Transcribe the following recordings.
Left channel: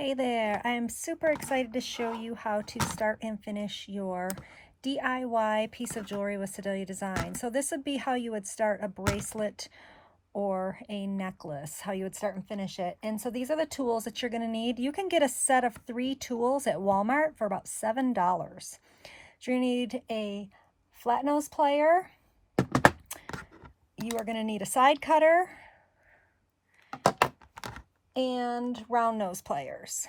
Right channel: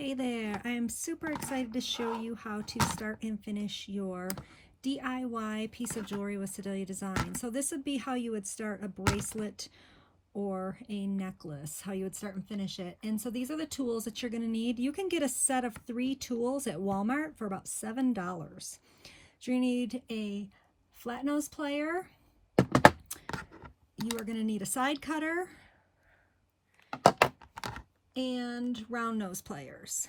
Hey there, I am super excited to show you how to start and finish your DIY piece of jewelry with Sedalia Designs. So this would be how you would start a bracelet or a necklace, how you would start and finish it. And so these are the tools that you're going to need. You can get a set of 3 tools at Walmart for about $7. So you're going to need a flat nose plier. You are going to need a side cutter and round nose pliers.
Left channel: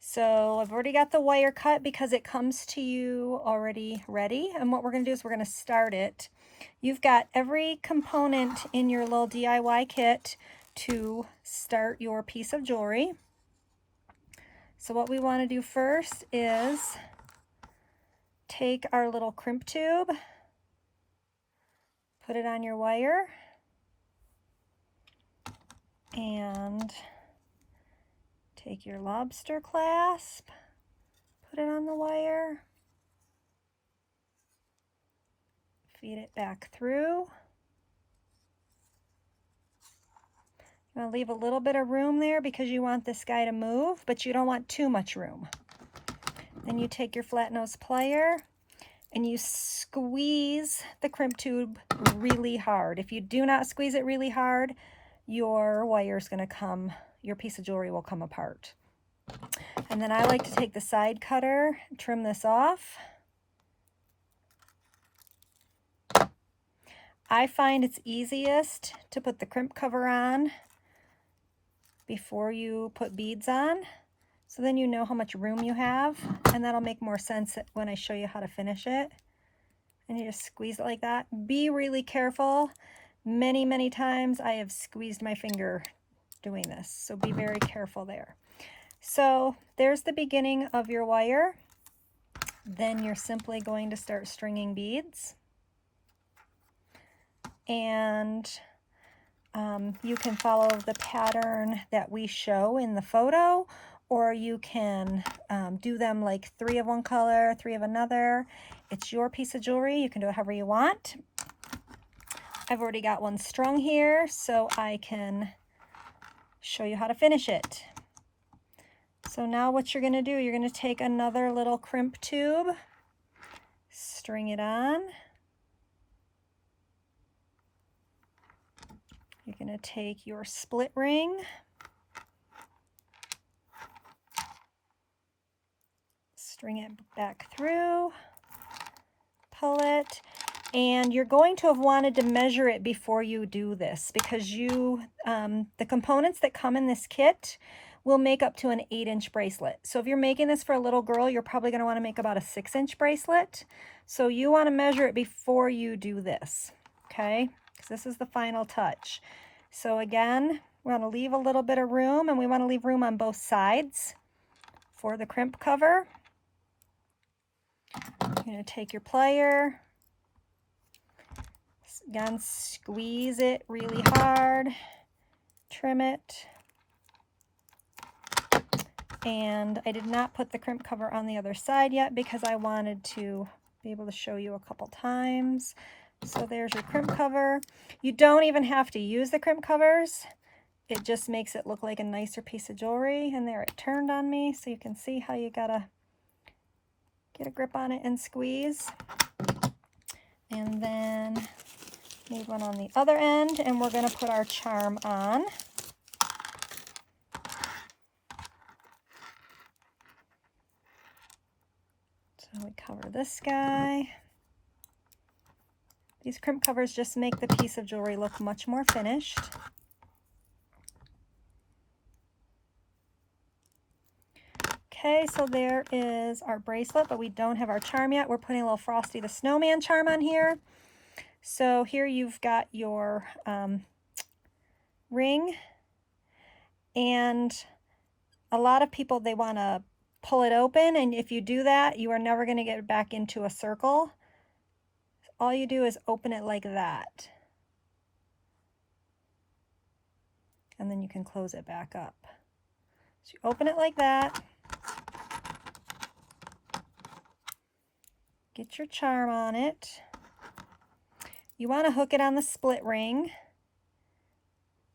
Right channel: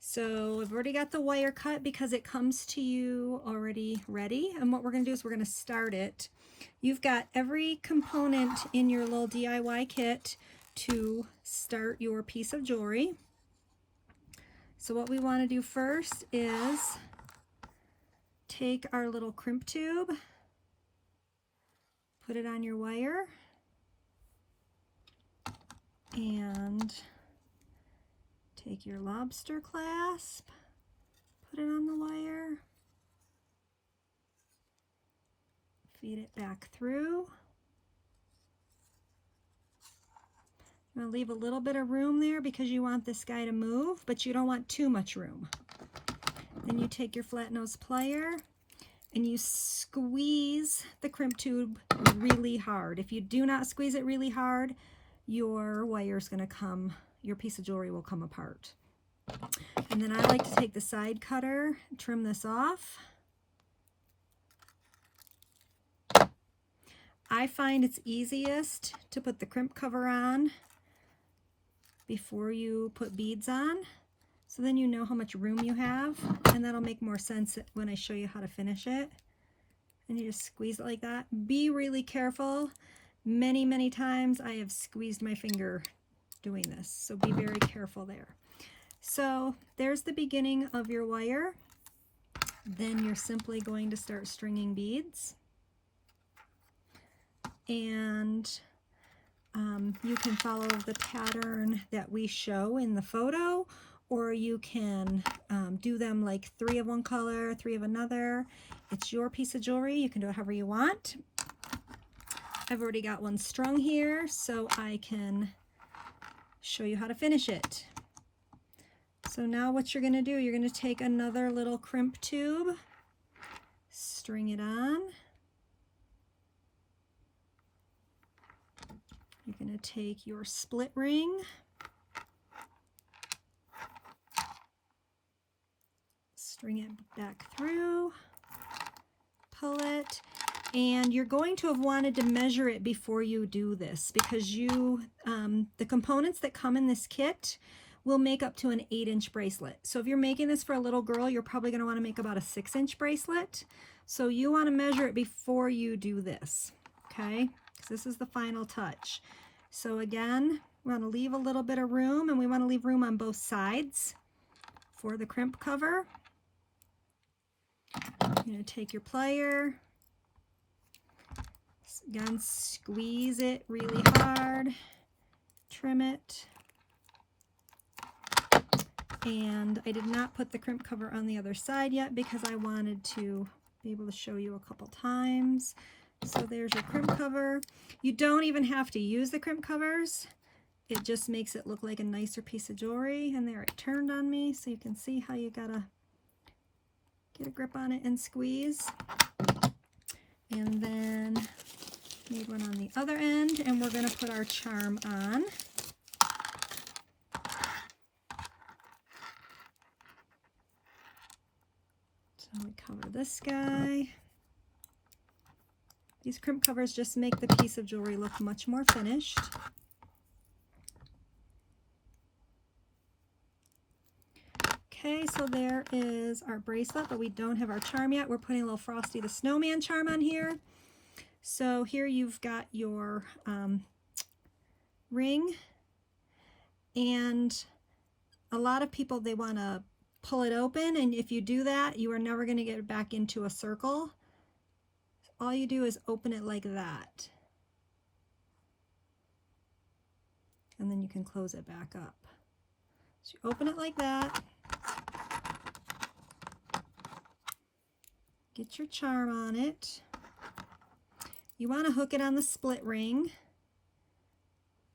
So I've already got the wire cut because it comes to you already ready. And what we're going to do is we're going to start it. You've got every component in your little DIY kit to start your piece of jewelry. So what we want to do first is take our little crimp tube, put it on your wire, and take your lobster clasp, put it on the wire, feed it back through. You want to leave a little bit of room there because you want this guy to move, but you don't want too much room. Then you take your flat nose plier and you squeeze the crimp tube really hard. If you do not squeeze it really hard, your wire's going to come, your piece of jewelry will come apart. And then I like to take the side cutter, trim this off. I find it's easiest to put the crimp cover on before you put beads on, so then you know how much room you have, and that'll make more sense when I show you how to finish it. And you just squeeze it like that. Be really careful. Many times I have squeezed my finger doing this, so be very careful there. So there's the beginning of your wire. Then you're simply going to start stringing beads. And you can follow the pattern that we show in the photo, or you can do them like 3 of one color, 3 of another. It's your piece of jewelry. You can do it however you want. I've already got one strung here, so I can show you how to finish it. So now what you're going to do, you're going to take another little crimp tube, string it on. You're going to take your split ring, string it back through, pull it, and you're going to have wanted to measure it before you do this because the components that come in this kit will make up to an 8-inch bracelet. So if you're making this for a little girl, you're probably going to want to make about a 6-inch bracelet. So you want to measure it before you do this, okay? Because this is the final touch. So again, we want to leave a little bit of room, and we want to leave room on both sides for the crimp cover. You're going to take your plier, again, squeeze it really hard, trim it. And I did not put the crimp cover on the other side yet because I wanted to be able to show you a couple times. So there's your crimp cover. You don't even have to use the crimp covers. It just makes it look like a nicer piece of jewelry. And there, it turned on me, so you can see how you gotta get a grip on it and squeeze. And then made one on the other end, and we're gonna put our charm on. So we cover this guy. These crimp covers just make the piece of jewelry look much more finished. Okay, so there is our bracelet, but we don't have our charm yet. We're putting a little Frosty the Snowman charm on here. So here you've got your ring, and a lot of people, they want to pull it open, and if you do that, you are never going to get it back into a circle. All you do is open it like that, and then you can close it back up. So you open it like that, get your charm on it. You want to hook it on the split ring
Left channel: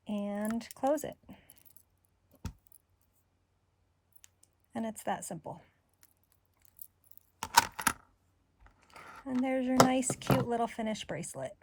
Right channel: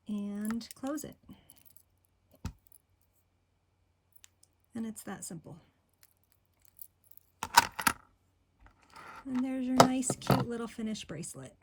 and close it. And it's that simple. And there's your nice, cute little finished bracelet.